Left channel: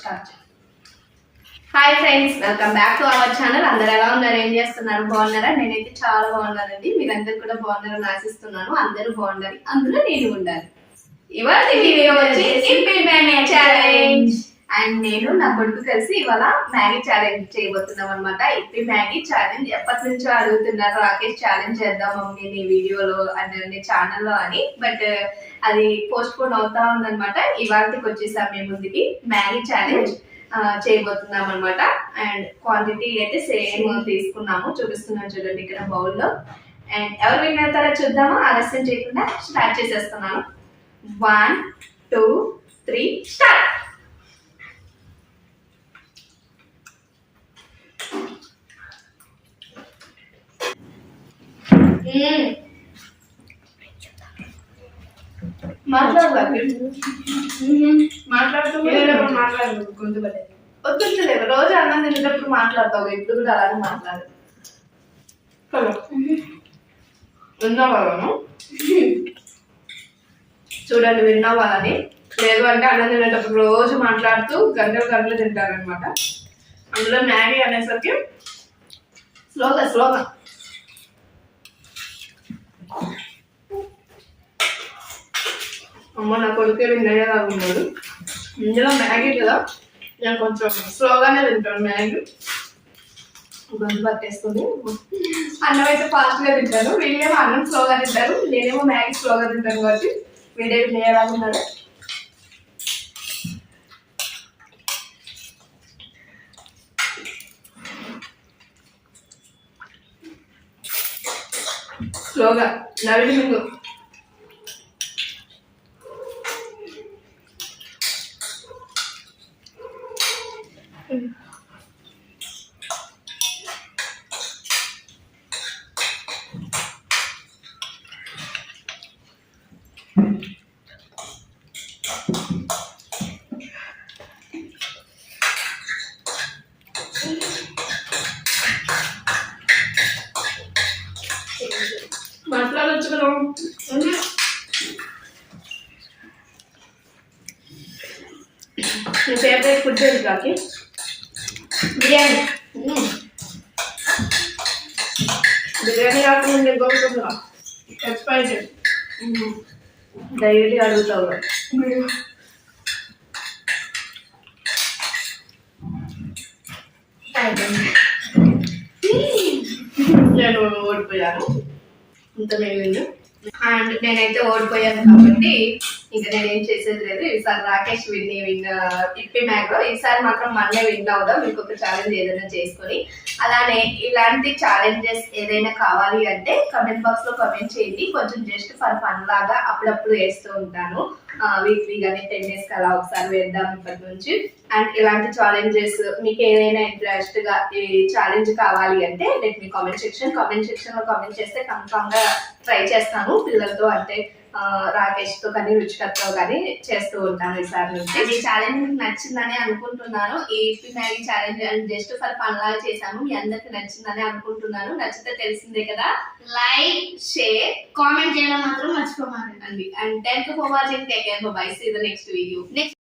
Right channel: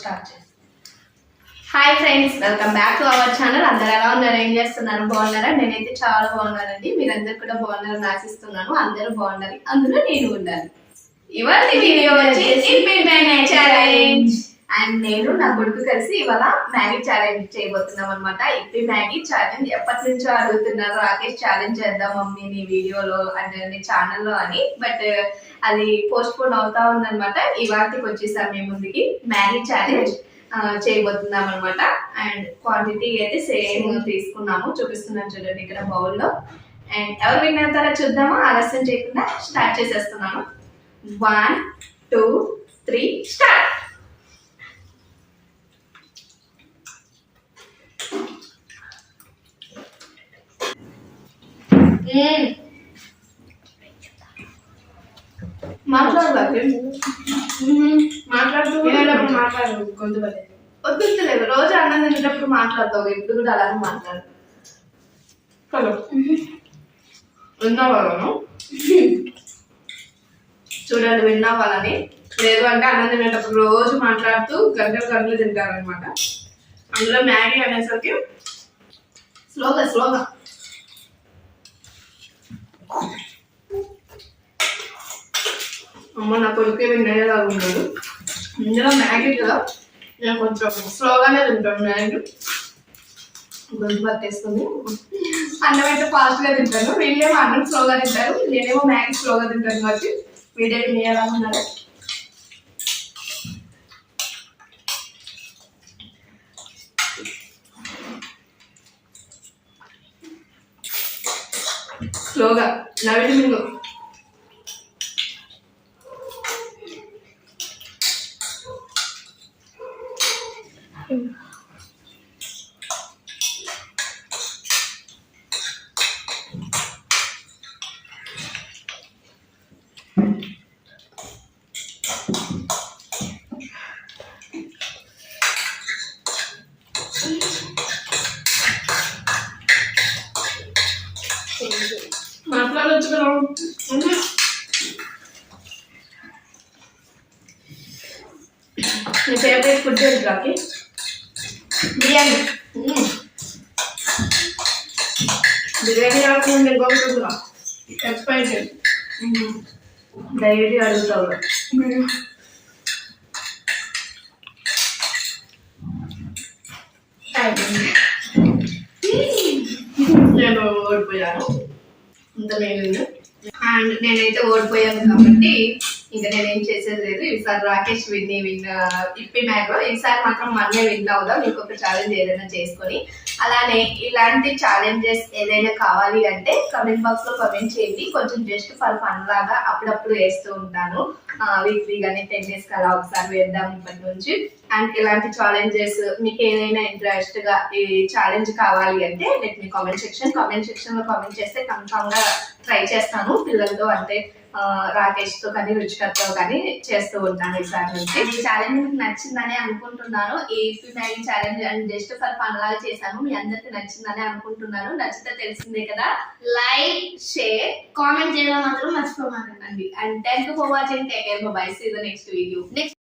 Start hi friends welcome back to our channel అందరు ఎలా ఉన్నారు? ఏం చేస్తున్నారు? బాగున్నారా? నేనైతే చాలా బాగున్నానండి. మీరందరూ కూడా బాగున్నారని ఆశిస్తున్నాను. అందరూ బాగుండాలి. అందులో నేను ఉండాలి. ఇవాళ వీడియో వచ్చి ఛాలెంజ్ అండ్ నేను నా కొడుకు కలిసి ఇవాళ మ్యాగీ ఛాలెంజ్ చేయబోతున్నాం అనమాట ఇప్పి మ్యాగీ ఛాలెంజ్ ఎప్పటి నుంచో అడుగుతున్నారు రాకేష్ ఛాలెంజ్ చేద్దాం మమ్మీ నీ వీడియోలో అంటే నీ ఛానల్లో అని. బట్ అది పోస్ట్ పోన్ అవుతా ఉందన్నమాట. ఇవాళకి వచ్చేసాం మీ ముందుకి మ్యాగీ ఛాలెంజ్ చేయబోతున్నాం అనమాట అండ్ క్వాంటిటీ అయితే సేమ్ తీసుకున్నాము చూపిస్తున్నాను చూడండి ఇక్కడ బౌల్లో. అండ్ ఎవరు విన్ అవుతారో చూద్దామా? ఆలస్యం చేయకుండా స్టార్ట్ చేసేస్తున్నాను. వన్ టూ త్రీ స్టార్ట్ మాట్లాడుతూ మాట్లాడు గొంతు వద్దులేవు రోజు అన్నం తినేటప్పుడు మాట్లాడతావు. ఇప్పుడు కూడా అలాగే మాట్లాడు. హలో. విన్నా వాళ్ళను చూడండి విన్నా వాళ్ళని లేదు అంటే అన్నం తినేటప్పుడు రోజు మాట్లాడుతూ గంటలు గంటలు తింటారనమాట అందులో మ్యాగీ అనేసరికి స్లోగా స్లోగా. అమ్మ నా కొడుకే విన్నయ్యేలా ఉన్నాడు ఇందులో మ్యాగీ కదా నేను కొంచెం స్లోగానే తింటాను మ్యాగీ. గొంతు పట్టేస్తుంది అన్నం అయితే ఫాస్ట్గా తింటాను. వీళ్ళేమో అన్నం స్లోగా తింటారు. నేనేమో మ్యాగీ స్లోగా తింటాను కాబట్టి వీడే వినేలా ఉన్నారు స్లోగా నవ్వి మింగు మాట్లాడొచ్చు కదా ఉంది. నీ ఫేవరెట్ ఫుడ్ ఏంటి రాకి బిర్యానీ మ్మ్. బిర్యానీ కాకుండా ఇంకొకటి ఎక్స్పైరీ డైలీ అడుగుతావు అయిపోయింది నేను ఓడిపోయాను ఇంత మిగిలింది అండ్ నేనైతే ఓడిపోయాను కాబట్టి ఇంకా నేనేం చేసేది లేదు. ఈసారి రాకేష్ విన్ విన్ ఇప్పి మ్యాగ్లో ఈసారి మాత్రం మనమే విన్ అవుదాం. ఇంకొక ఛాలెంజ్ ఏదైనా చేసుకొని. అలానే ఇలాంటి ఛాలెంజెస్ ఏదైనా కావాలి అంటే కమెంట్ బాక్స్లో కమెంట్ చేయండి. కొంచెం జస్ట్ ఫర్ ఫన్ లాగా అప్పుడప్పుడు వేస్తూ ఉంటాను. వీక్లీ కానీ టెన్ డేస్ అలా ఒకసారి వేద్దాం ఇప్పటి నుంచి. అండ్ ఇలాంటి ఛాలెంజెస్ మీకు ఏదైనా ఇంట్రెస్ట్గా ఈ ఛాలెంజ్ కావాలి అంటే let me comment section comment సెక్షన్లో కామెంట్ చేస్తే కన్ఫామ్గా ట్రై చేస్తాను. పిల్లలతో అంటే రాకేష్తో కానీ రుచికర్తో కానీ చేస్తూ ఉంటాను ఈసారి నుంచి. ఈ ఛాలెంజ్ మీకు నచ్చిందని అనుకుంటున్నాను. AP Maggi challenge and just for fun లాగా చేశాను. మీ అందరికి నచ్చిందని అనుకుంటున్నాను. నచ్చితే తెలిసిందే కదా. లైక్ షేర్ కామెంట్ చేయడం మాత్రం మర్చిపోమాకండి. అండి and thank you for watching take care bye see the next video next